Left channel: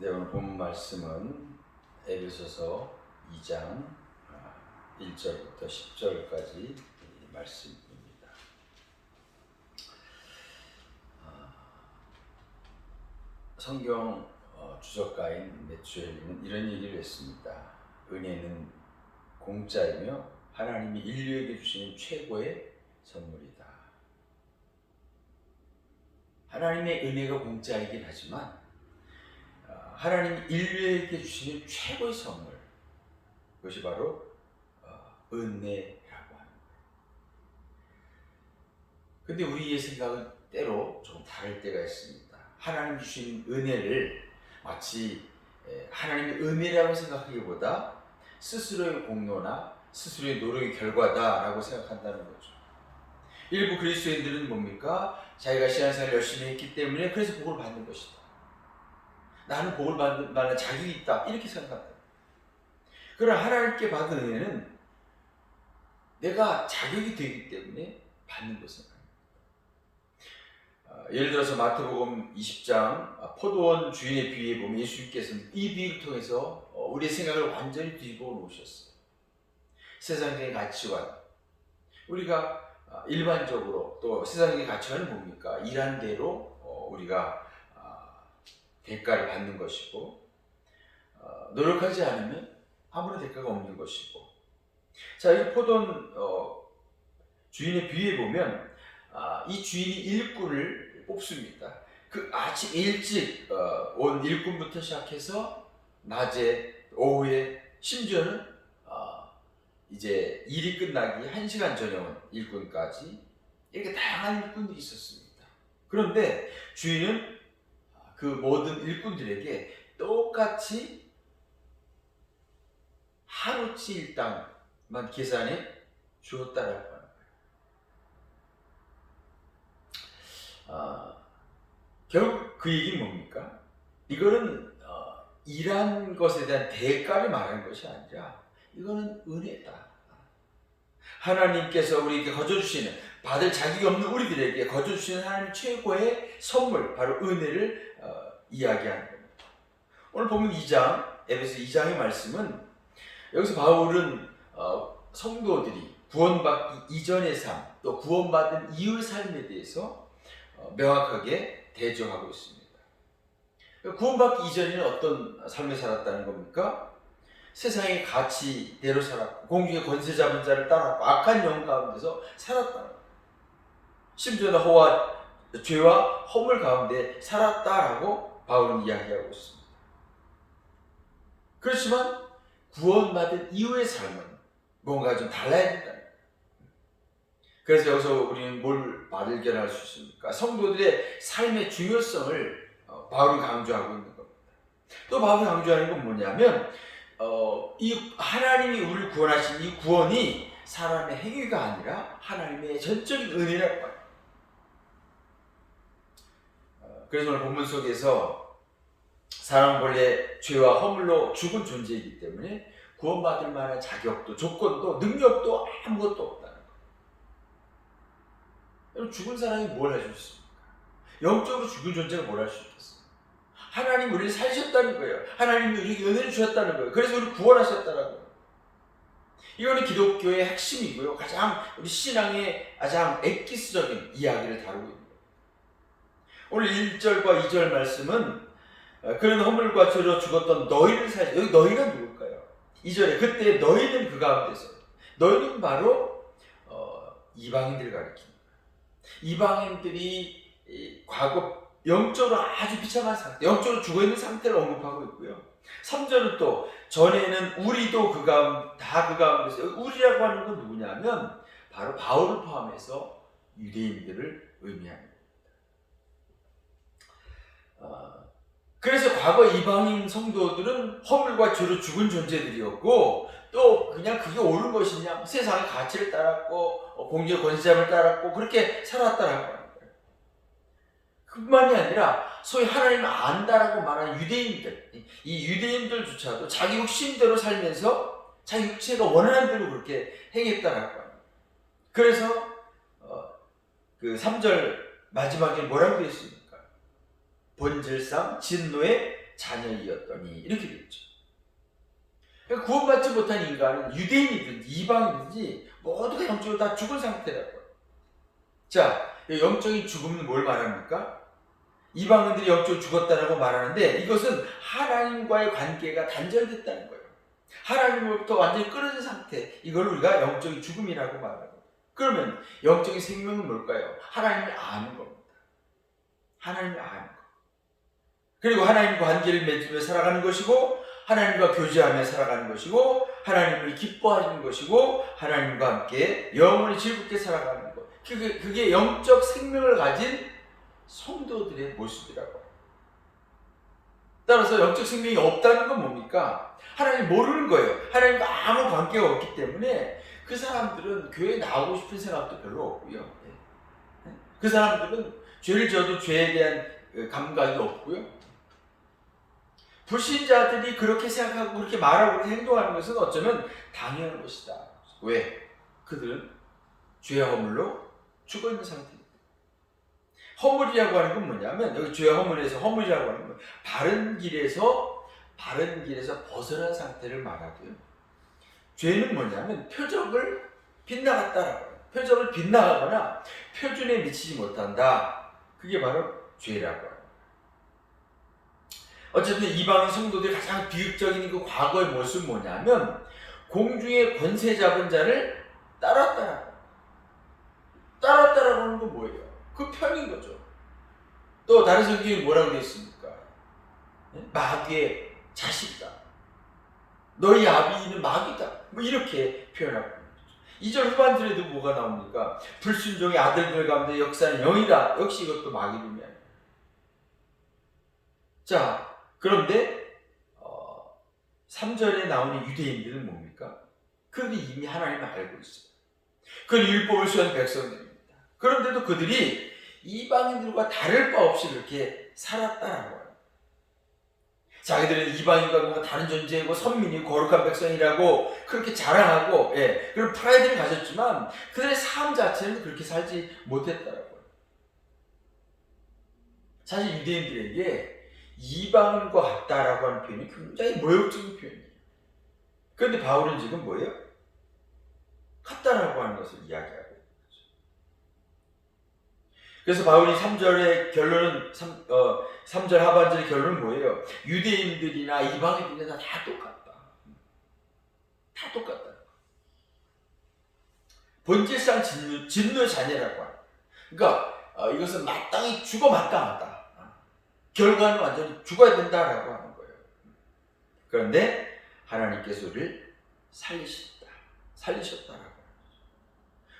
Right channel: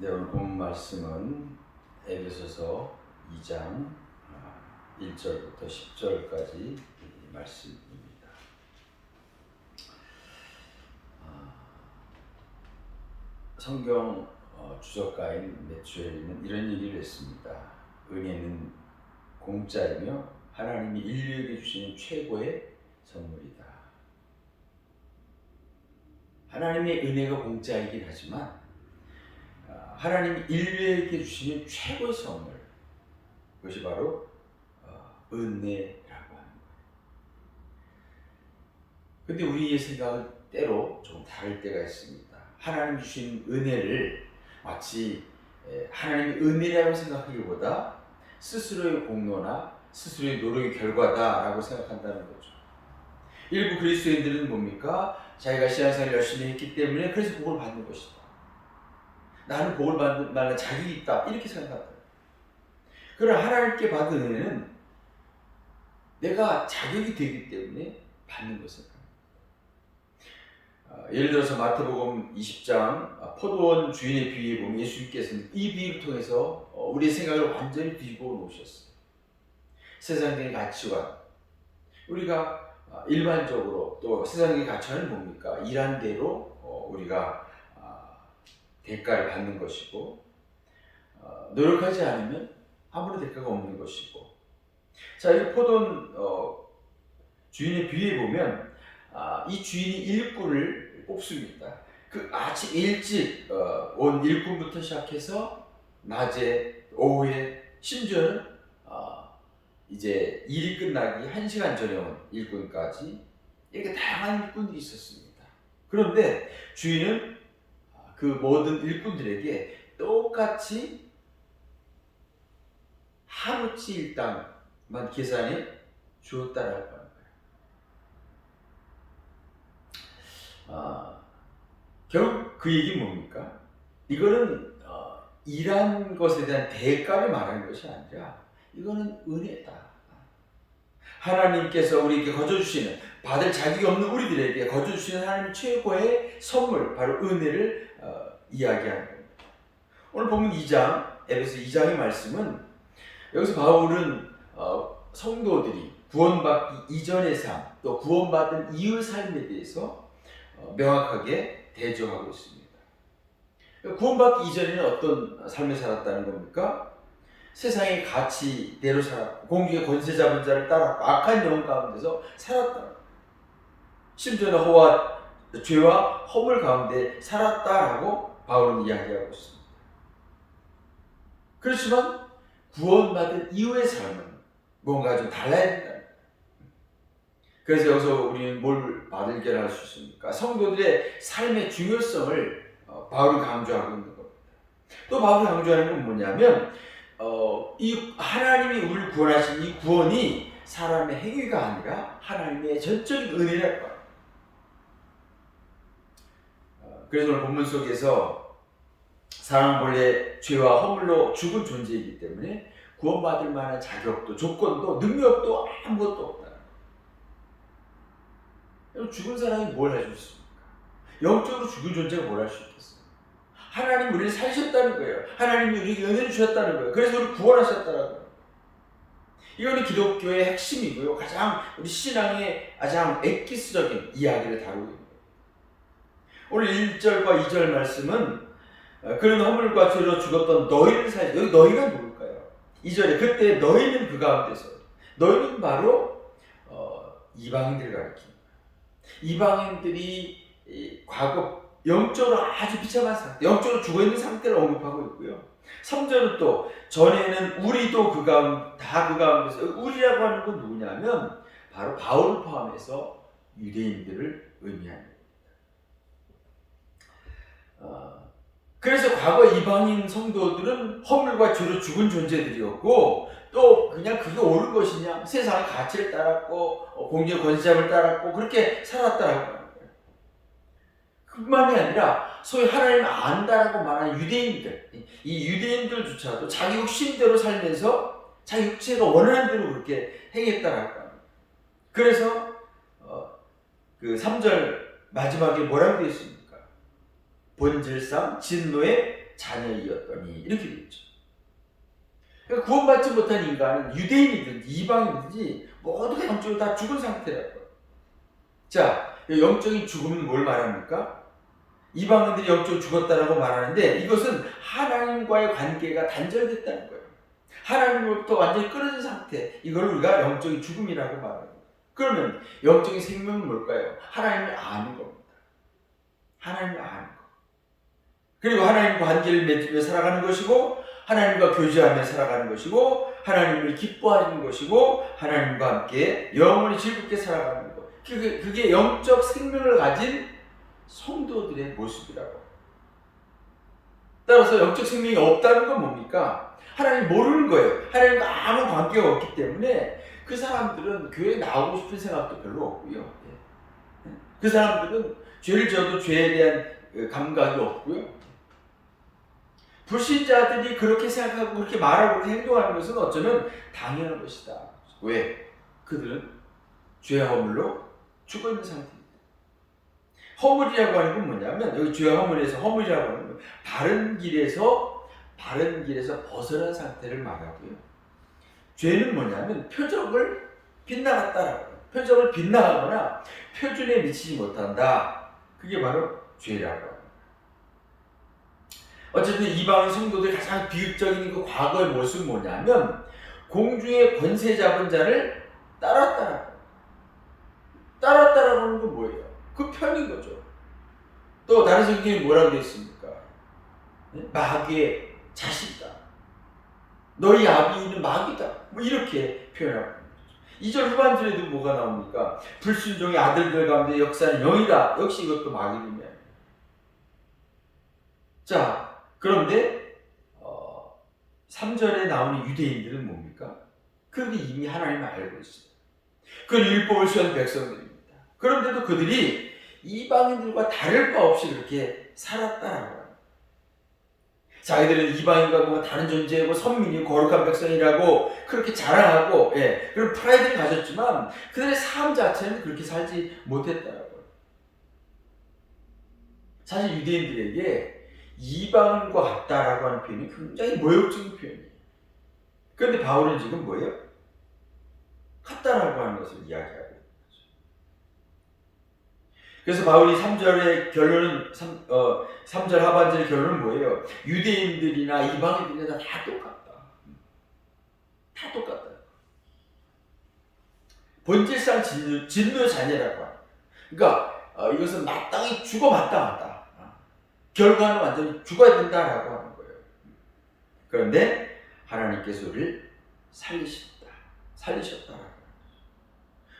네, 오늘 본 말씀은 에베소서 2장 1절부터 10절까지 말씀입니다. 성경 주석가인 매튜엘은 이런 얘기를 했습니다. 은혜는 공짜이며 하나님이 인류에게 주시는 최고의 선물이다. 하나님의 은혜가 공짜이긴 하지만 하나님이 인류에게 주시는 최고의 선물, 그것이 바로 은혜라고 하는 거예요. 근데 우리의 생각은 때로 좀 다를 때가 있습니다. 하나님 주신 은혜를 마치 하나님의 은혜라고 생각하기보다 스스로의 공로나 스스로의 노력의 결과다라고 생각한다는 거죠. 일부 그리스도인들은 뭡니까? 자기가 신앙생활을 열심히 했기 때문에 그래서 복을 받는 것이다. 나는 복을 받는 만한 자격이 있다. 이렇게 생각한다. 그러나 하나님께 받은 은혜는 내가 자격이 되기 때문에 받는 것을. 예를 들어서 마태복음 20장 포도원 주인의 비유에 보면 예수님께서는 이 비유를 통해서 우리의 생각을 완전히 뒤집어 놓으셨어요. 세상적인 가치관, 우리가 일반적으로 또 세상적인 가치관은 뭡니까? 일한 대로 우리가 대가를 받는 것이고 노력하지 않으면 아무런 대가가 없는 것이고. 자, 이 포도원 주인의 비유에 보면 이 주인이 일꾼을 뽑습니다. 그 아침 일찍 온 일꾼부터 시작해서 낮에 오후에 심지어는 이제 일이 끝나기 1시간 전에 온 일꾼까지 이렇게 다양한 일꾼들이 있었습니다. 그런데 주인은 그 모든 일꾼들에게 똑같이 하루치 일당만 계산해 주었다라고 합니다. 결국 그 얘기는 뭡니까? 이거는 일한 것에 대한 대가를 말하는 것이 아니라 이거는 은혜다. 하나님께서 우리에게 거저주시는, 받을 자격이 없는 우리들에게 거저주시는 하나님 최고의 선물, 바로 은혜를 이야기하는 겁니다. 오늘 보면 2장, 에베소 2장의 말씀은 여기서 바울은 성도들이 구원받기 이전의 삶, 또 구원받은 이후의 삶에 대해서 명확하게 대조하고 있습니다. 구원받기 이전에는 어떤 삶을 살았다는 겁니까? 세상의 가치대로 살았고, 공중의 권세 잡은 자를 따랐고, 악한 영혼 가운데서 살았다는 겁니다. 심지어는 죄와 허물 가운데 살았다라고 바울은 이야기하고 있습니다. 그렇지만 구원받은 이후의 삶은 뭔가 좀 달라야 된다. 그래서 여기서 우리는 뭘 발견할 수 있습니까? 성도들의 삶의 중요성을 바울이 강조하고 있는 겁니다. 또 바울이 강조하는 건 뭐냐면 이 하나님이 우리를 구원하신 이 구원이 사람의 행위가 아니라 하나님의 전적인 은혜라고 합니다. 그래서 오늘 본문 속에서 사람은 원래 죄와 허물로 죽은 존재이기 때문에 구원받을 만한 자격도, 조건도, 능력도 아무것도 없다는 거예요. 죽은 사람이 뭘 할 수 있습니까? 영적으로 죽은 존재가 뭘 할 수 있겠어요? 하나님이 우리를 살리셨다는 거예요. 하나님이 우리에게 은혜를 주셨다는 거예요. 그래서 우리를 구원하셨다는 거예요. 이거는 기독교의 핵심이고요. 가장 우리 신앙의 가장 엑기스적인 이야기를 다루고 있는 거예요. 오늘 1절과 2절 말씀은 그런 허물과 죄로 죽었던 너희를 살리, 여기 너희가 누굴까요? 2절에 그때 너희는 그 가운데서, 너희는 바로 이방인들을 가리킵니다. 이방인들이 과거 영적으로 아주 비참한 상태, 영적으로 죽어있는 상태를 언급하고 있고요. 3절은 또 전에는 우리도 그 가운데서, 우리라고 하는 건 누구냐면 바로 바울을 포함해서 유대인들을 의미합니다. 그래서 과거 이방인 성도들은 허물과 죄로 죽은 존재들이었고, 또 그냥 그게 옳은 것이냐, 세상의 가치를 따랐고 공중의 권세를 따랐고 그렇게 살았다라고 하는 거예요. 그뿐만이 아니라 소위 하나님을 안다라고 말하는 유대인들, 이 유대인들조차도 자기 욕심대로 살면서 자기 육체가 원하는 대로 그렇게 행했다라고 합니다. 그래서 그 3절 마지막에 뭐라고 되어 있습니까? 본질상 진노의 자녀이었더니 이렇게 되죠. 그러니까 구원받지 못한 인간은 유대인이든지 이방인이든지 모두가 영적으로 다 죽은 상태라고요. 자, 영적인 죽음은 뭘 말합니까? 이방인들이 영적으로 죽었다라고 말하는데 이것은 하나님과의 관계가 단절됐다는 거예요. 하나님으로부터 완전히 끊어진 상태, 이걸 우리가 영적인 죽음이라고 말하는 거예요. 그러면 영적인 생명은 뭘까요? 하나님을 아는 겁니다. 하나님을 아는 것. 그리고 하나님과 관계를 맺으며 살아가는 것이고, 하나님과 교제하며 살아가는 것이고, 하나님을 기뻐하는 것이고, 하나님과 함께 영원히 즐겁게 살아가는 것. 그게 영적 생명을 가진 성도들의 모습이라고. 따라서 영적 생명이 없다는 건 뭡니까? 하나님 모르는 거예요. 하나님과 아무 관계가 없기 때문에 그 사람들은 교회에 나오고 싶은 생각도 별로 없고요. 그 사람들은 죄를 지어도 죄에 대한 감각이 없고요. 불신자들이 그렇게 생각하고 그렇게 말하고 그렇게 행동하는 것은 어쩌면 당연한 것이다. 왜? 그들은 죄와 허물로 죽어있는 상태입니다. 허물이라고 하는 건 뭐냐면, 여기 죄와 허물에서 허물이라고 하는 건 바른 길에서 벗어난 상태를 말하고요. 죄는 뭐냐면 표적을 빗나갔다라고 해요. 표적을 빗나가거나 표준에 미치지 못한다. 그게 바로 죄라고 해요. 어쨌든 이방인 성도들이 가장 비극적인 그 과거의 모습은 뭐냐면, 공중의 권세 잡은 자를 따랐다라고 하는 건 뭐예요? 그 편인 거죠. 또 다른 성경에 뭐라고 되어 있습니까? 마귀의 자식이다. 너희 아비는 마귀다. 뭐 이렇게 표현하고 있는 거죠. 2절 후반절에도 뭐가 나옵니까? 불순종의 아들들 가운데 역사는 영이다. 역시 이것도 마귀입니다. 자, 그런데 3절에 나오는 유대인들은 뭡니까? 그들이 이미 하나님을 알고 있어요. 그건 율법을 수행한 백성들입니다. 그런데도 그들이 이방인들과 다를 바 없이 그렇게 살았다라고 해요. 자기들은 이방인과 뭔가 다른 존재고 선민이고 거룩한 백성이라고 그렇게 자랑하고, 그런 프라이드를 가졌지만 그들의 삶 자체는 그렇게 살지 못했다라고 해요. 사실 유대인들에게 이방인과 같다라고 하는 표현이 굉장히 모욕적인 표현이에요. 그런데 바울은 지금 뭐예요? 같다라고 하는 것을 이야기하고 있는 거죠. 그래서 바울이 3절의 결론은 3절 하반절의 결론은 뭐예요? 유대인들이나 이방인들이나 다 똑같다. 다 똑같다. 본질상 진노 자녀라고 하는. 그러니까 이것은 마땅히 죽어 마땅하다. 결과는 완전히 죽어야 된다라고 하는 거예요. 그런데 하나님께서 우리를 살리셨다라고.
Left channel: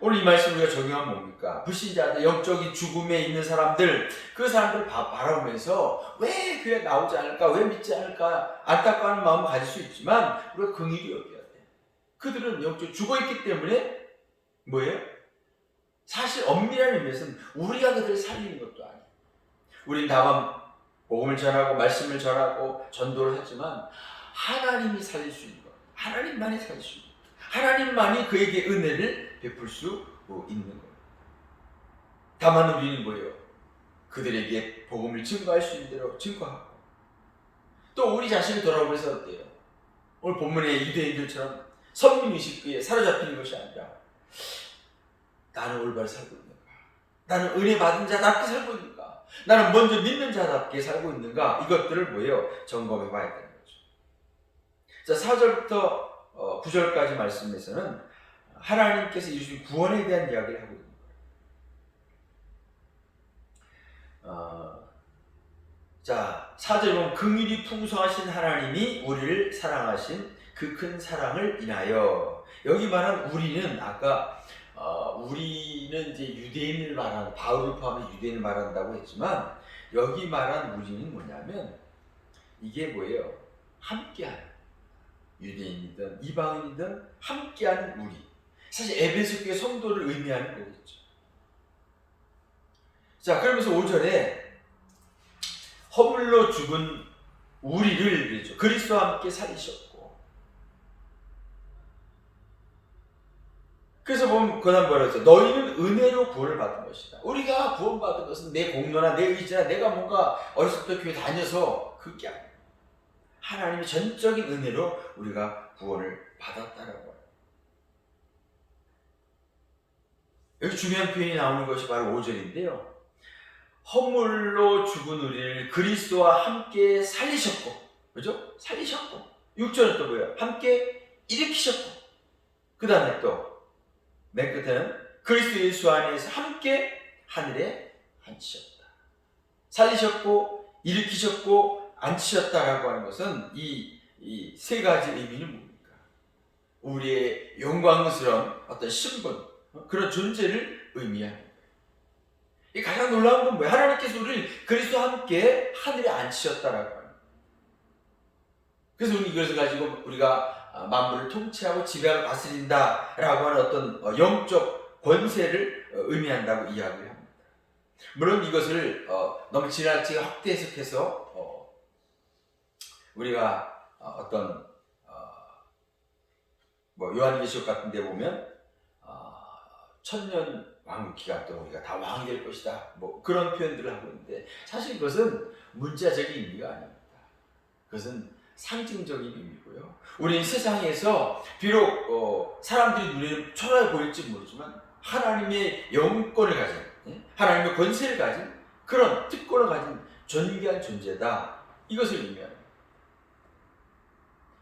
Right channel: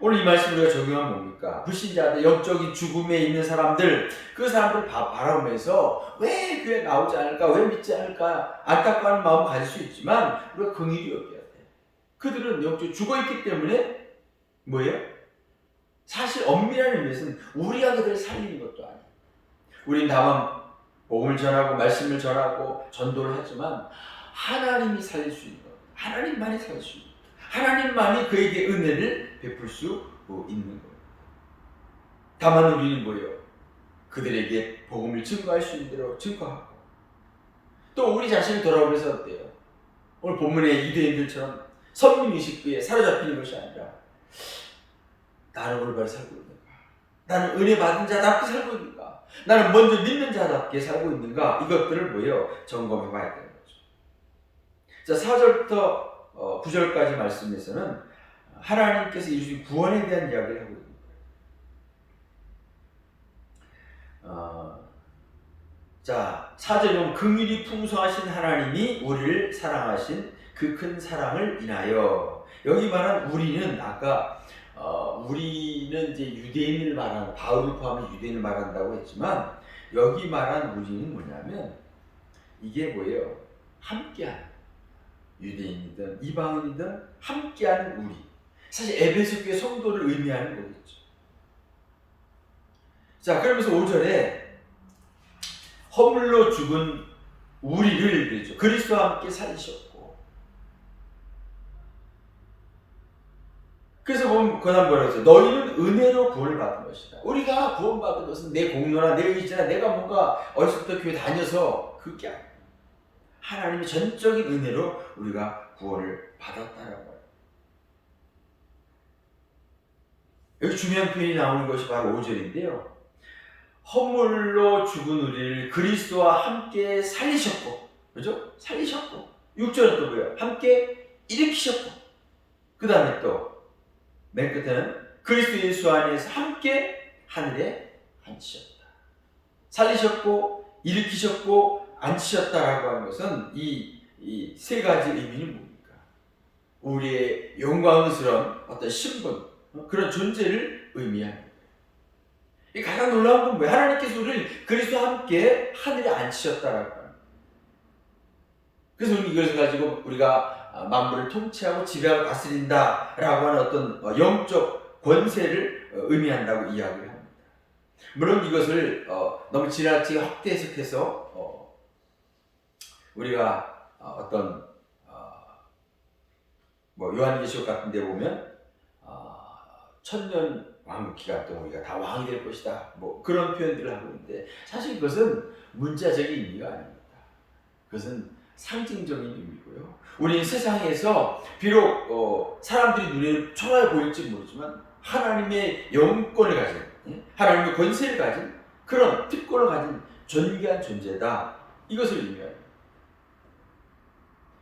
오늘 이 말씀 우리가 적용하면 뭡니까? 불신자들, 영적인 죽음에 있는 사람들, 그 사람들을 바라보면서 왜 교회 나오지 않을까, 왜 믿지 않을까 안타까운 마음을 가질 수 있지만 우리가 긍휼히 여겨야 돼. 그들은 영적으로 죽어있기 때문에 뭐예요? 사실 엄밀한 의미에서는 우리가 그들을 살리는 것도 아니에요. 우리는 다만 복음을 전하고 말씀을 전하고 전도를 하지만 하나님이 살릴 수 있는 겁니다. 하나님만이 살릴 수 있는 겁니다. 하나님만이 그에게 은혜를 베풀 수 있는 겁니다. 다만 우리는 뭐예요? 그들에게 복음을 증거할 수 있는 대로 증거하고, 또 우리 자신을 돌아보면서 어때요? 오늘 본문의 유대인들처럼 선민의식에 사로잡히는 것이 아니라 나는 올바로 살고 있는가? 나는 은혜 받은 자답게 살고 있는가? 나는 먼저 믿는 자답게 살고 있는가? 이것들을 뭐예요? 점검해 봐야 되는 거죠. 자, 4절부터 9절까지 말씀에서는 하나님께서 이루신 구원에 대한 이야기를 하고 있는 거예요. 자, 4절에 보면 긍휼이 풍성하신 하나님이 우리를 사랑하신 그 큰 사랑을 인하여, 여기 말한 우리는 아까 우리는 이제 유대인을 말하는, 바울을 포함해 유대인을 말한다고 했지만 여기 말한 우리는 뭐냐면 이게 뭐예요? 함께하는, 유대인이든 이방인이든 함께하는 우리. 사실 에베소 교회 성도를 의미하는 거겠죠. 자, 그러면서 5절에 허물로 죽은 우리를 그랬죠. 그리스도와 함께 살리셨고. 그래서 보면 그다음 뭐라고 했어요? 너희는 은혜로 구원을 받은 것이다. 우리가 구원받은 것은 내 공로나 내 의지나 내가 뭔가 어렸을 때 교회 다녀서 그게 아니에요. 하나님의 전적인 은혜로 우리가 구원을 받았다는 거예요. 여기 중요한 표현이 나오는 것이 바로 5절인데요. 허물로 죽은 우리를 그리스도와 함께 살리셨고, 그죠? 살리셨고. 6절은 또 뭐예요? 함께 일으키셨고. 그 다음에 또 맨 끝에는 그리스도 예수 안에서 함께 하늘에 앉히셨다. 살리셨고 일으키셨고 앉히셨다라고 하는 것은 이 세 가지 의미는 뭡니까? 우리의 영광스러운 어떤 신분, 그런 존재를 의미하는 거예요. 이 가장 놀라운 건 뭐예요? 하나님께서 우리를 그리스도와 함께 하늘에 앉히셨다라고 하는 거예요. 그래서 이것을 가지고 우리가 만물을 통치하고 지배하고 다스린다라고 하는 어떤 영적 권세를 의미한다고 이야기를 합니다. 물론 이것을 너무 지나치게 확대 해석해서 우리가 어떤 요한계시록 같은 데 보면 천년 왕국 기간 동안 우리가 다 왕이 될 것이다, 그런 표현들을 하고 있는데, 사실 그것은 문자적인 의미가 아닙니다. 그것은 상징적인 의미고요. 우리는 세상에서 비록 사람들이 눈에 초라해 보일지 모르지만 하나님의 영권을 가진, 하나님의 권세를 가진, 그런 특권을 가진 존귀한 존재다, 이것을 의미합니다.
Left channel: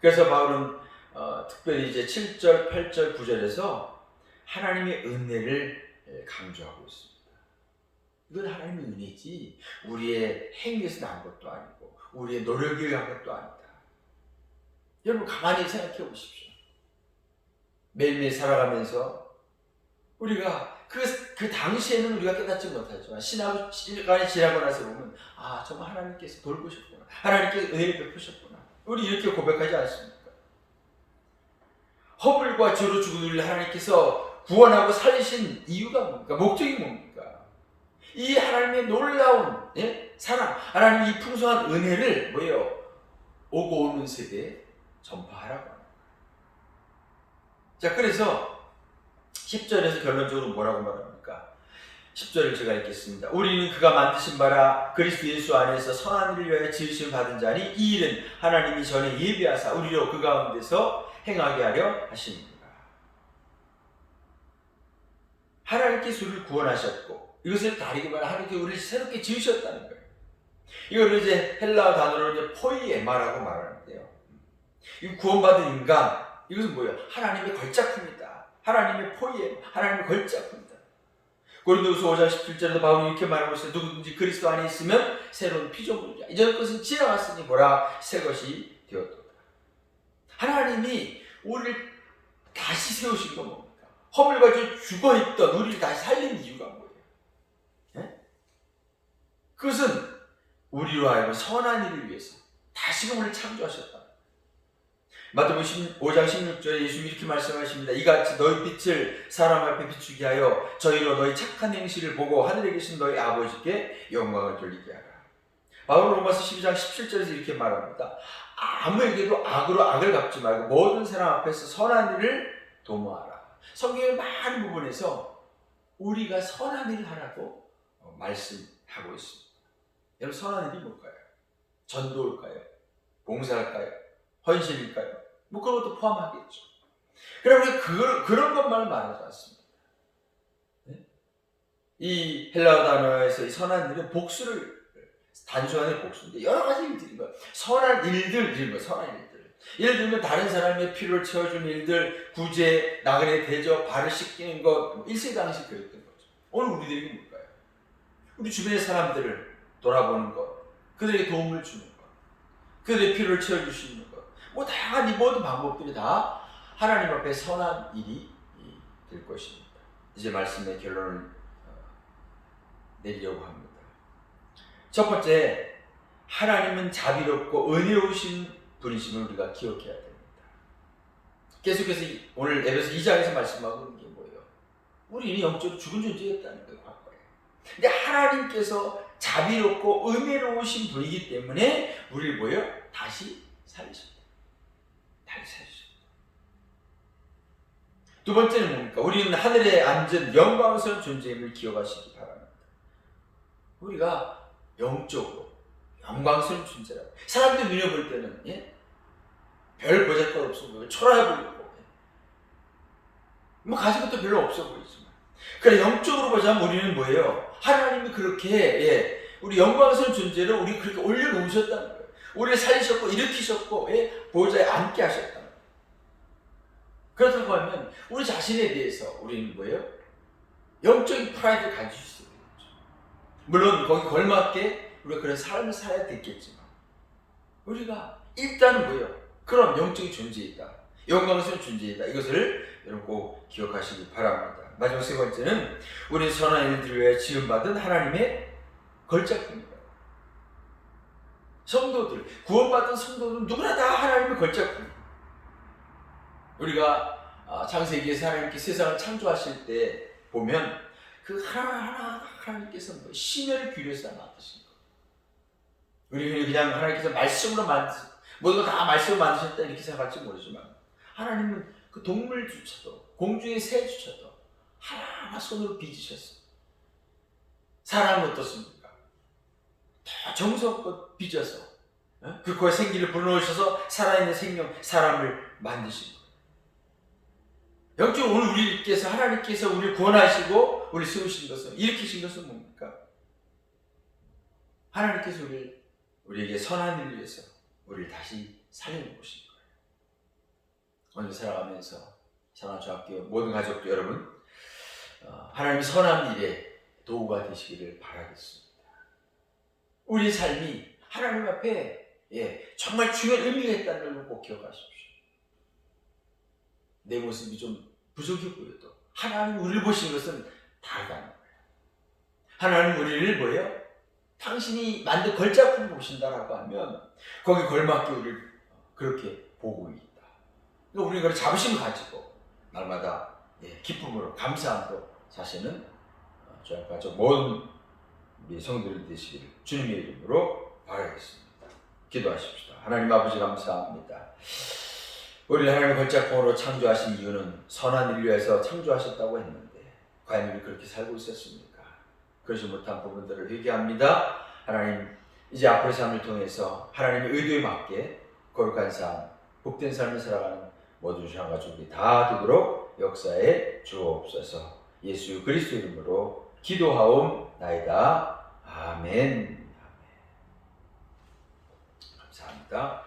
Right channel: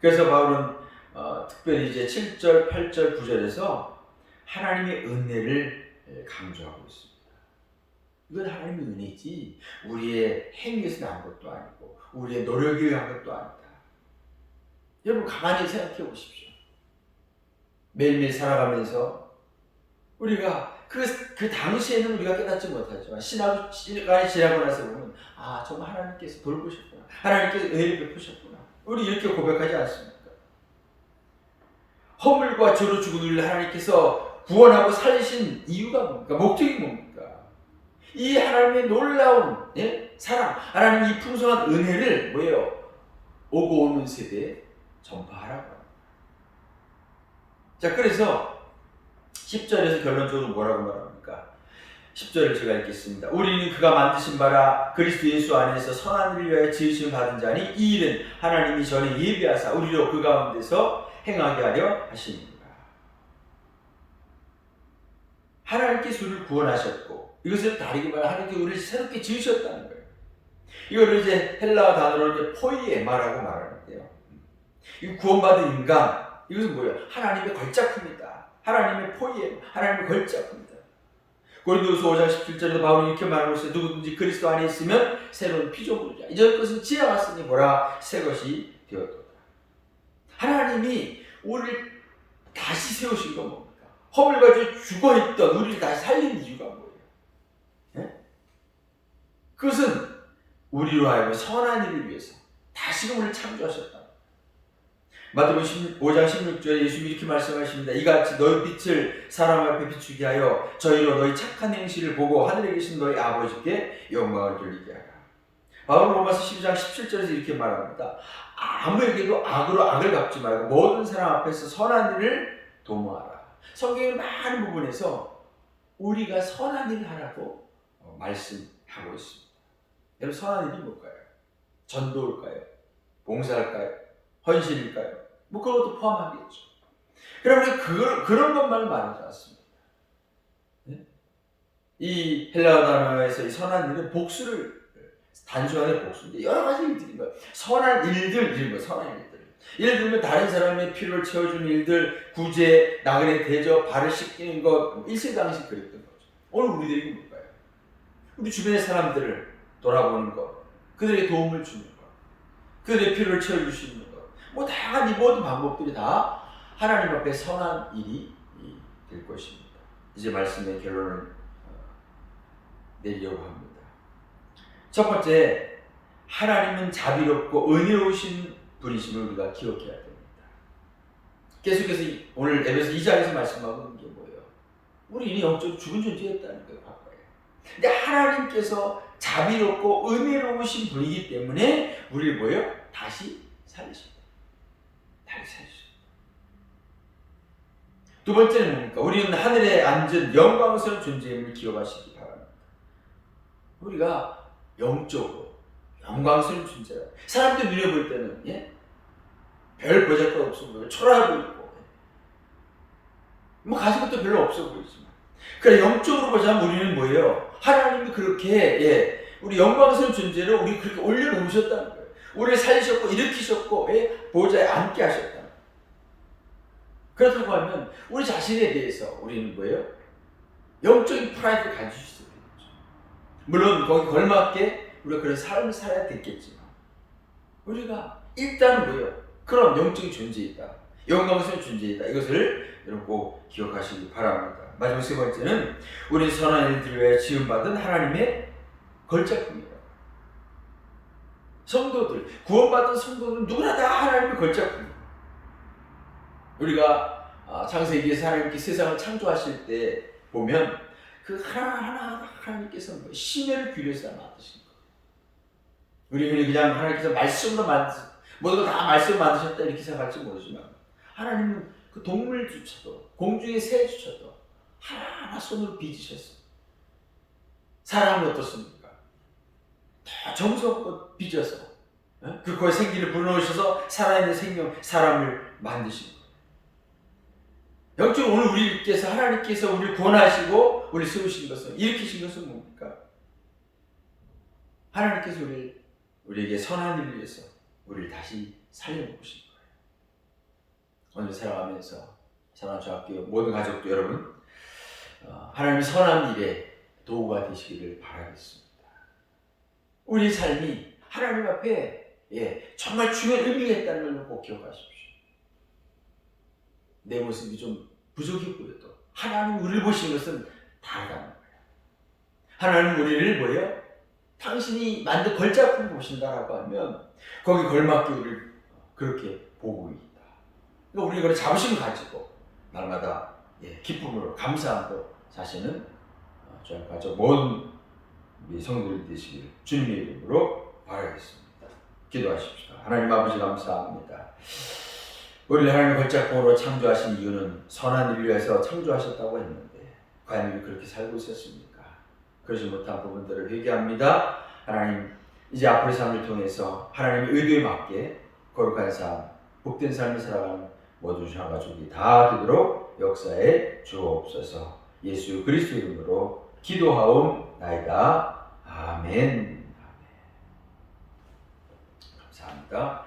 그래서 바울은 특별히 이제 7절, 8절, 9절에서 하나님의 은혜를 강조하고 있습니다. 이건 하나님의 은혜지 우리의 행위에서 난 것도 아니고 우리의 노력에 의한 것도 아니다. 여러분 가만히 생각해 보십시오. 매일매일 살아가면서 우리가 그 당시에는 우리가 깨닫지 못하지만 시간이 지나고 나서 보면 정말 하나님께서 돌보셨구나, 하나님께서 은혜를 베푸셨구나, 우리 이렇게 고백하지 않습니까? 허물과 죄로 죽은 우리를 하나님께서 구원하고 살리신 이유가 뭡니까? 목적이 뭡니까? 이 하나님의 놀라운 사랑, 하나님의 이 풍성한 은혜를 오고 오는 세대에 전파하라고 합니다. 자, 그래서 10절에서 결론적으로 뭐라고 말합니까? 10절을 제가 읽겠습니다. 우리는 그가 만드신 바라 그리스도 예수 안에서 선한 일을 위하여 지으심을 받은 자니 이 일은 하나님이 전에 예비하사 우리로 그 가운데서 행하게 하려 하십니다. 하나님께서 우리를 구원하셨고, 이것을 다르게 말하면 하나님께서 우리를 새롭게 지으셨다는 거예요. 이걸 이제 헬라어 단어로 이제 포이에마라고 말하는데요. 이 구원받은 인간, 이것은 뭐예요? 하나님의 걸작품이다. 하나님의 포이에마, 하나님의 걸작품이다. 고린도후서 5장 17절에도 바울은 이렇게 말하고 있어요. 누구든지 그리스도 안에 있으면 새로운 피조물이다. 이전 것은 지나갔으니 보라, 새 것이 되었도다. 하나님이 우리를 다시 세우신 건 뭡니까? 허물과 죄 죽어있던 우리를 다시 살린 이유가 뭐예요? 그것은 우리로 하여금 선한 일을 위해서 다시금 우리를 창조하셨다. 마태복음 5장 16절에 예수님이 이렇게 말씀하십니다. 이같이 너희 빛을 사람 앞에 비추게 하여 저희로 너희 착한 행실을 보고 하늘에 계신 너희 아버지께 영광을 돌리게 하라. 바울 로마서 12장 17절에서 이렇게 말합니다. 아무에게도 악으로 악을 갚지 말고 모든 사람 앞에서 선한 일을 도모하라. 성경의 많은 부분에서 우리가 선한 일을 하라고 말씀하고 있습니다. 여러분, 선한 일이 뭘까요? 전도일까요? 봉사일까요? 헌신일까요? 그런 것도 포함하겠죠. 그러면 그런 것만 말하지 않습니다. 이 헬라어 단어에서 이 선한 일은 복수를, 단순하게 복수인데 여러 가지 일들인 거예요. 선한 일들 이런 거예요. 선한 일들. 예를 들면 다른 사람의 필요를 채워주는 일들, 구제, 나그네 대접, 발을 씻기는 것, 일세당시 그랬던 거죠. 오늘 우리들이 뭘까요? 우리 주변의 사람들을 돌아보는 것, 그들에게 도움을 주는 것, 그들의 필요를 채워줄 수 있는 것, 다양한 이 모든 방법들이 다 하나님 앞에 선한 일이 될 것입니다. 이제 말씀의 결론을 내리려고 합니다. 첫 번째, 하나님은 자비롭고 은혜로우신 분이심을 우리가 기억해야 됩니다. 계속해서 오늘 에베소 2장에서 말씀하고 있는 게 뭐예요? 우리는 영적으로 죽은 존재였다는 거예요, 과거에. 근데 하나님께서 자비롭고 은혜로우신 분이기 때문에 우리를 다시 살리십니다. 다시 살리십니다. 두 번째는 뭡니까? 우리는 하늘에 앉은 영광스러운 존재임을 기억하시기 바랍니다. 우리가 영적으로 영광스러운 존재라. 사람들 눈에 볼 때는 별 보잘것 없어 보이고 초라해 보이고 뭐 가진 것도 별로 없어 보이지만, 그러니까 영적으로 보자면 우리는 뭐예요? 하나님이 그렇게 우리 영광스러운 존재를 우리 그렇게 올려놓으셨다는 거예요. 우리를 살리셨고 일으키셨고 보호자에 앉게 하셨다는 거예요. 그렇다고 하면 우리 자신에 대해서 우리는 뭐예요? 영적인 프라이드를 가질 수 있어야 되겠죠. 물론 거기 걸맞게 우리가 그런 삶을 살아야 되겠지만, 우리가 일단은 뭐예요? 그런 영적인 존재이다, 영광스러운 존재이다, 이것을 여러분 꼭 기억하시기 바랍니다. 마지막 세 번째는 우리는 선한 일들을 위해 지음받은 하나님의 걸작품이다. 성도들, 구원받은 성도들은 누구나 다 하나님의 걸작품이에요. 우리가 창세기에서 하나님께 세상을 창조하실 때 보면 그 하나하나 하나님께서 심혈을 기울여서 만드신 거예요. 우리는 그냥 하나님께서 말씀으로 모든 거 다 말씀으로 만드셨다 이렇게 생각할지 모르지만, 하나님은 그 동물조차도, 공중의 새조차도 하나하나 손으로 빚으셨어요. 사람은 어떻습니까? 다 정성껏 빚어서 그 코에 생기를 불어넣으셔서 살아있는 생명, 사람을 만드신 거예요. 영적으로 오늘 우리께서, 하나님께서 우리를 구원하시고 우리를 세우신 것은, 일으키신 것은 뭡니까? 하나님께서 우리에게 선한 일을 위해서 우리를 다시 살려놓으신 거예요. 오늘 살아가면서 사랑하는 저학교 모든 가족도 여러분, 하나님의 선한 일에 도구가 되시기를 바라겠습니다. 우리 삶이 하나님 앞에 정말 중요한 의미가 있다는 걸 꼭 기억하십시오. 내 모습이 좀 부족해 보여도 하나님 우리를 보시는 것은 다르다는 거예요. 하나님 우리를 뭐예요? 당신이 만든 걸작품 보신다라고 하면 거기 걸맞게 우리를 그렇게 보고 있다. 그러니까 우리가 그런 자부심을 가지고 날마다 기쁨으로 감사함으로 사시는 저와 가족 모든 성도들 되시기를 주님의 이름으로 바라겠습니다. 기도하십시다. 하나님 아버지 감사합니다. 우리를 하나님의 걸작품으로 창조하신 이유는 선한 일을 위해서 창조하셨다고 했는데 과연 우리 그렇게 살고 있었습니까? 그러지 못한 부분들을 회개합니다. 하나님, 이제 앞으로의 삶을 통해서 하나님의 의도에 맞게 거룩한 삶, 복된 삶을 살아가는 모든 주신 가족이 다 되도록 역사에 주옵소서. 예수 그리스도 이름으로 기도하옵나이다. 아멘. 감사합니다.